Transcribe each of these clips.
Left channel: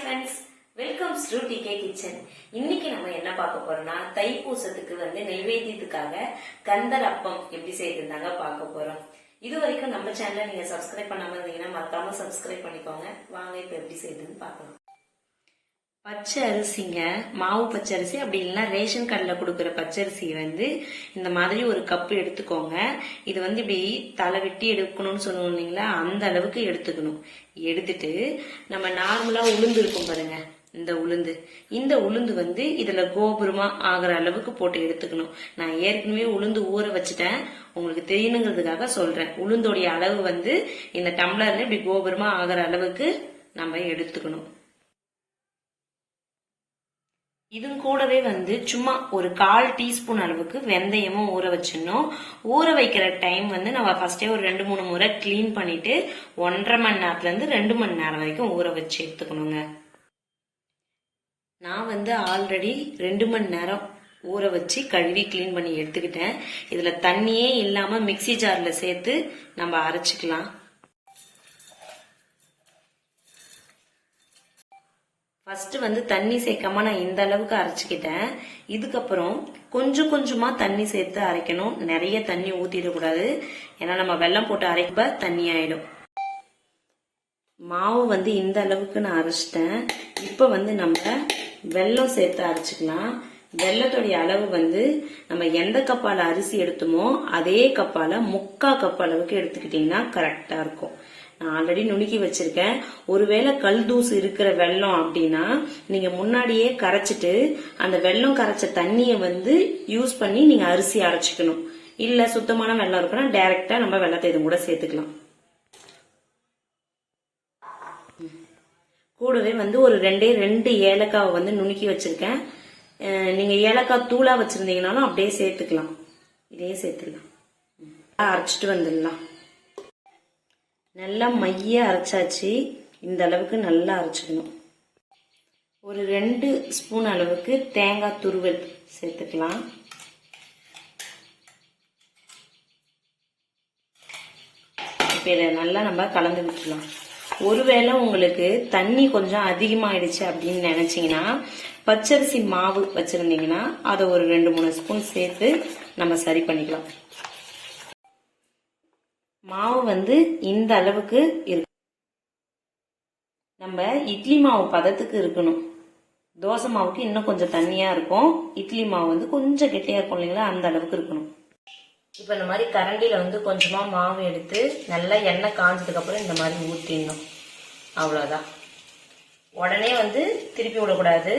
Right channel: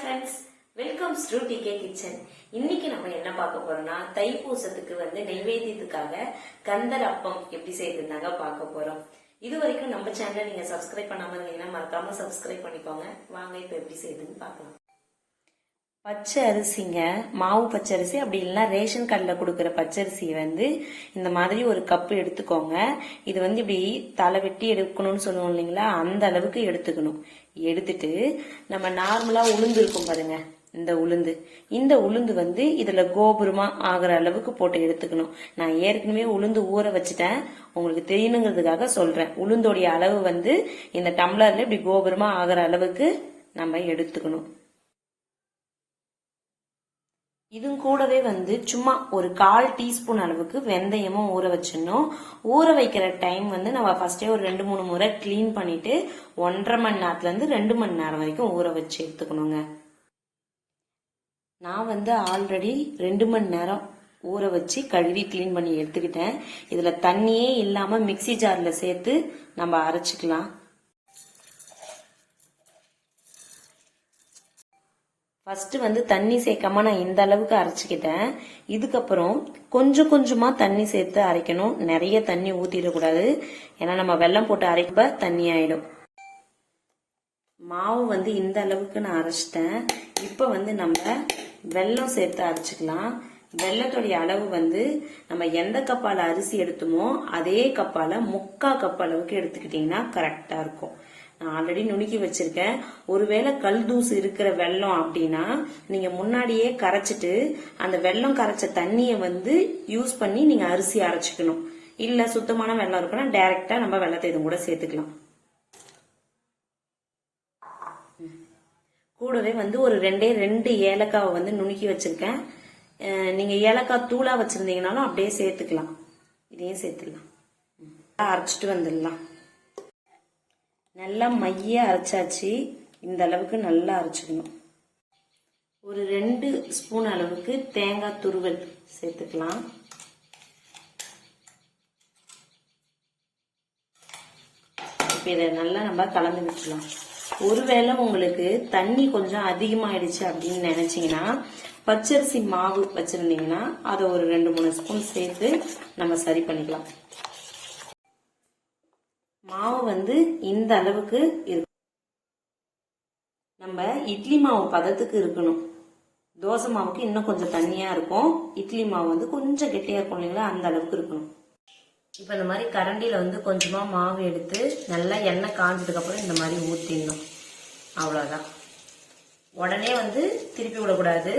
Friends welcome to DK kitchen இன்னைக்கு நம்ம என்ன பார்க்க போறோம்னா தைப்பூசத்துக்கு வந்து நைவேத்தியத்துக்காக கந்தர் அப்பம் எப்படி செய்யறதுனாங்க பார்க்க போறோம். இது வரைக்கும் நம்ம சேனலை நீங்க சப்ஸ்கிரைப் பண்ணாம இருந்தீங்கன்னா மறக்காம சப்ஸ்கிரைப் பண்ணிக்கோங்க. வாங்க இப்ப எப்படி செய்யுதுன்னு பார்க்கலாம். பச்சை அரிசிங்க மாவு பச்சை அரிசி அப்படி இல்லைன்னா ரேஷன் கடையில் கொடுக்குற பச்சரிசி வந்து இந்த மாதிரி ஒரு கப்பு எடுத்துக்கோங்க. இது வந்து இப்படி தலை வெட்டி எடுக்கணும்னு சொல்லுவோம் இல்லைங்களா? அந்த அளவுக்கு எடுத்துக்கணும். எடுத்துட்டு நம்ம நார்மலாக உளுந்து இருக்கும் பாருங்க இந்த உளுந்து. இந்த உளுந்து வந்து இதில் கோபுரமாக ஆகிற அளவுக்கு போட்டு எடுத்துக்கணும். நான் ஏற்கனவே உளுந்து ஊற வச்சுட்டேன். உங்களுக்கு தெரியணுங்கிறதுக்காக சொல்கிறேன் உளுந்தோடைய அளவு வந்து இந்த டம்ளரில் இப்படி கோபுரமாக ஆகிற அளவுக்கு நம்ம எடுத்துக்கணும். இதுவும் கூடவே வந்து சும்மா ஒரு கால் டீஸ்பூன் அளவுக்கு வெந்தயமும் ஊற வச்சிடணும். ஊற வைக்கிற டைம் வந்து நம்ம ஃபர்ஸ்டே ஒரு ரெண்டு மூணு முறை க்ளீன் பண்ணிட்டு ஒன்றரை மணி நேரத்துலேருந்து ரெண்டு மணி நேரம் வரைக்கும் ஊற வச்சு எடுத்துக்கணுங்க. நான் வந்து ஆல்ரெடி ரெண்டு மணி நேரம் ஊற வச்சு கழுவி க்ளீன் பண்ணி எடுத்துக்கிட்டேன். இதில் தண்ணியே இல்லாமல் மிக்ஸி ஜாரில் சேர்த்து நம்ம அரைச்சிக்கலாம். ஃபஸ்ட்டு வந்து தண்ணி சேர்க்காம நான் இந்த அளவுக்கு அரைச்சிக்கிட்டேன். இதுக்கப்புறம் கொஞ்சம் கொஞ்சமாக தண்ணி சேர்த்து அரைக்கணும். நிறைய தண்ணி ஊற்றிடக்கூடாது ஏன்னா நம்ம வெல்லம் போட்டு அரைக்கப்ப தண்ணி ஆகிடும் மாவு வந்து இந்த அளவுக்கு நான் அரைச்சிட்டேன். இப்போ வந்து நம்ம வெல்லம் சேர்த்து அரைச்சிக்கலாம். வெள்ளத்துடைய அளவு வந்து நம்ம எந்த கப்பால் அரிசி எடுத்தோமோ அதே கப்பால் முக்கா கப் அளவுக்கு எடுத்துக்கிட்டிங்கன்னா கரெக்டாக இருக்கும். நான் ஆல்ரெடி நுணுக்கி வச்சிருக்கேன். ஒருவேளை கல் தூசு இருக்கிற வெள்ளம் அப்படின்னா நீங்க முன்னாடியே கரைச்சிட்டு அந்த வெள்ளம் கரைச்ச தண்ணியை வந்து யூஸ் பண்ணி நீங்க அரிசி அரைச்சிக்கணும். இல்ல சுத்தமான வெள்ளம் இருக்குன்னா டைரக்டா நம்ம வெள்ளத்தை இது கூட சேர்த்துக்கலாம். கூடவே வந்து ஒரு ரெண்டே ரெண்டு ஏலக்காவை வந்து நுணுக்கி வச்சிருக்கேன். நீங்க ஏலக்காய் தூளா வச்சிருந்தீங்கனாலும் அப்படியே சேர்த்துக்கலாம். இதையே சேர்த்துக்கலாம் அரைச்சிட்டு வந்துடலாம். நல்லா மைய அரைச்சாச்சு. இந்த அளவுக்கு நல்லா அரைச்சிக்கணும். ஒரு ரெண்டு ஸ்பூன் அளவுக்கு தேங்காய் துருவல் சேர்த்துக்கலாம். இப்போ இதை நல்லா நம்ம கலந்து விட்டுலாம் ஒருவேளை உங்களுக்கு தண்ணி கொஞ்சம் அதிகமாகிடுச்சு அப்படின்னு நினச்சிங்கன்னா பச்சரிசி மாவு வச்சுருந்தீங்கன்னா அதை ஒரு ரெண்டு மூணு ஸ்பூன் சேர்த்து நம்ம சரி பண்ணிக்கலாம். மாவு வந்து இந்த அளவுக்கு இருக்கு நம்ம இட்லி மாவு பதத்துக்கு இருக்கணும். தோசை மாவுக்கு இன்னும் கொஞ்சம் தண்ணியா இருக்கும். இட்லி மாவு வந்து கொஞ்சம் கெட்டியா இருக்கும் இல்லைங்களா? அந்த அளவுக்கு இருக்கணும். இப்போ இந்த மாதிரி கரண்டியில வந்து கொஞ்சமா மாவு எடுத்து நல்லா எண்ணெய் காஞ்சதுக்கு அப்புறம் இந்த மாதிரி ஊற்றிடணும் அவ்வளோதான் உடனே வந்து திருப்பி விடக்கூடாது.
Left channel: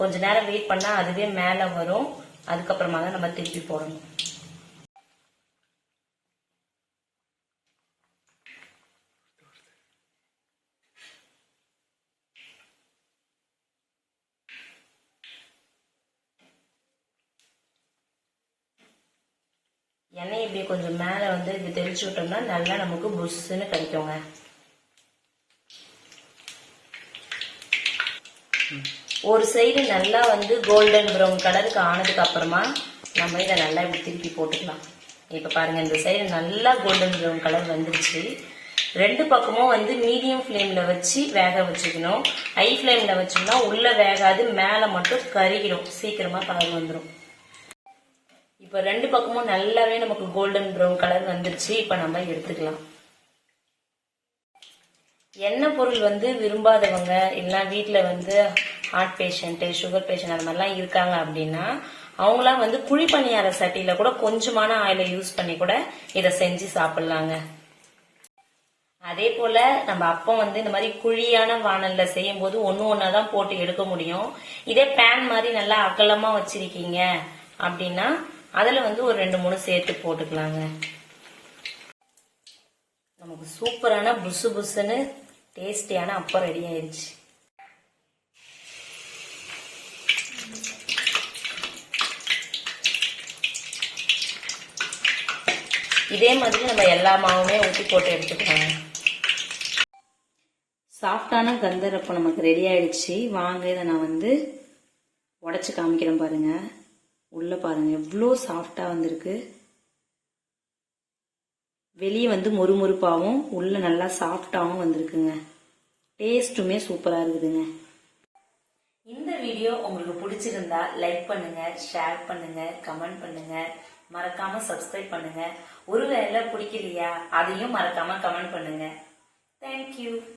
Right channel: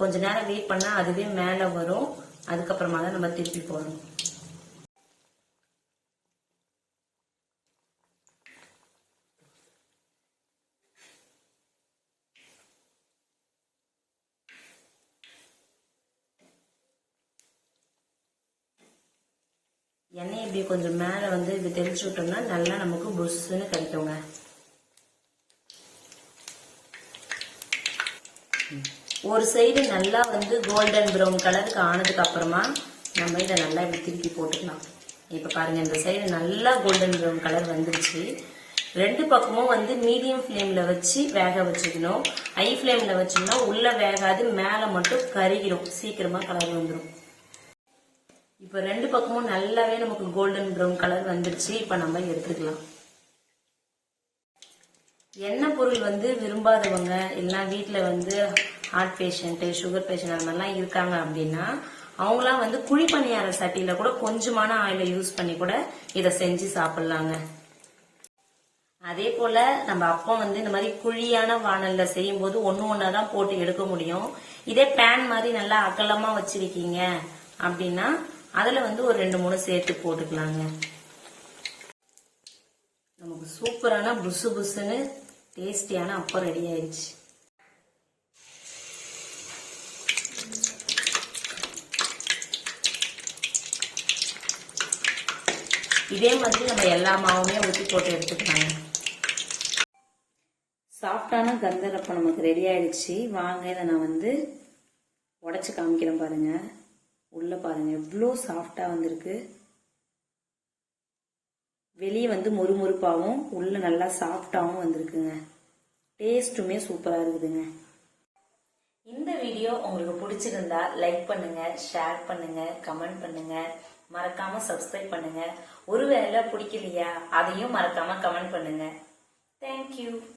கொஞ்ச நேரம் வெயிட் பண்ணா அதுவே மேலே வரும். அதுக்கப்புறமா தான் நம்ம திருப்பி போடணும். எண்ணெய் இப்படி கொஞ்சம் மேலே வந்து இது தெளிச்சு விட்டோம்னா நல்லா நமக்கு புஷ்ஷுன்னு கிடைக்குங்க. ஒரு சைடு நல்லா வந்து கோல்டன் ப்ரௌன் கலருக்கு ஆனதுக்கு அப்புறமா நம்ம இதை நல்லா இப்படி திருப்பி போட்டுக்கலாம். இப்போ பாருங்க இந்த சைடு நல்லா கோல்டன் ப்ரௌன் கலர் வந்துருச்சு. ரெண்டு பக்கமும் வந்து மீடியம் ஃப்ளேமில் வச்சு வேக வச்சுக்கணும். ஹை ஃப்ளேமில் வச்சோம்னா உள்ளே வேகாது மேலே மட்டும் கருகிடும் சீக்கிரமாக கலர் வந்துடும் இப்போ ரெண்டு பக்கமும் நல்லாவே நமக்கு கோல்டன் ப்ரௌன் கலர் வந்துருச்சு. இப்போ நம்ம எடுத்துக்கலாம். எண்ணெய் பொருள் வந்து விரும்பாதவங்க இல்லை வீட்டில் வந்து ஹார்ட் பேஷண்ட்டு சுகர் பேஷண்ட் அந்த மாதிரிலாம் இருக்காங்க அப்படின்னா அவங்களாம் வந்து குழி பணியார சட்டியில கூட கொஞ்சமான ஆயிலை யூஸ் பண்ணி கூட இதை செஞ்சு சாப்பிடலாங்க. அதே போல நம்ம அப்பா வந்து இந்த மாதிரி குழியான வானல்ல செய்யும் போது ஒன்னு ஒன்னா தான் போட்டு எடுக்க முடியும். இதே பேன் மாதிரி நல்லா அகலமா வச்சிருக்கீங்க அப்படின்னா அதில் வந்து ஒரு ரெண்டு மூணு சேர்த்து போட்டுக்கலாங்க. நமக்கு சூப்பரான புசு புசுன்னு டேஸ்டியான அப்பம் ரெடி ஆயிடுச்சு இதே மாதிரி நம்ம எல்லா மாவுமே ஊற்றி போட்டு எடுத்துக்கலாம் சாஃப்டான கந்தரப்பம் நமக்கு ரெடி ஆயிடுச்சு வாங்க இதை நான் வந்து உடச்சி காமிக்கிறேன் பாருங்கள் உள்ளே பாருங்கள் எவ்வளோ சாஃப்டாக வந்திருக்கு. வெளியே வந்து மொறுமொறுப்பாகவும் உள்ளே நல்லா சாஃப்டாகவும் வந்திருக்குங்க. டேஸ்ட்டுமே சூப்பராக இருக்குதுங்க. இந்த வீடியோ உங்களுக்கு பிடிச்சிருந்தா லைக் பண்ணுங்க ஷேர் பண்ணுங்க கமெண்ட் பண்ணுங்க. மறக்காம சப்ஸ்கிரைப் பண்ணுங்க. ஒருவேளை பிடிக்கலையா அதையும் மறக்காம கமெண்ட் பண்ணுங்க. தேங்க்யூ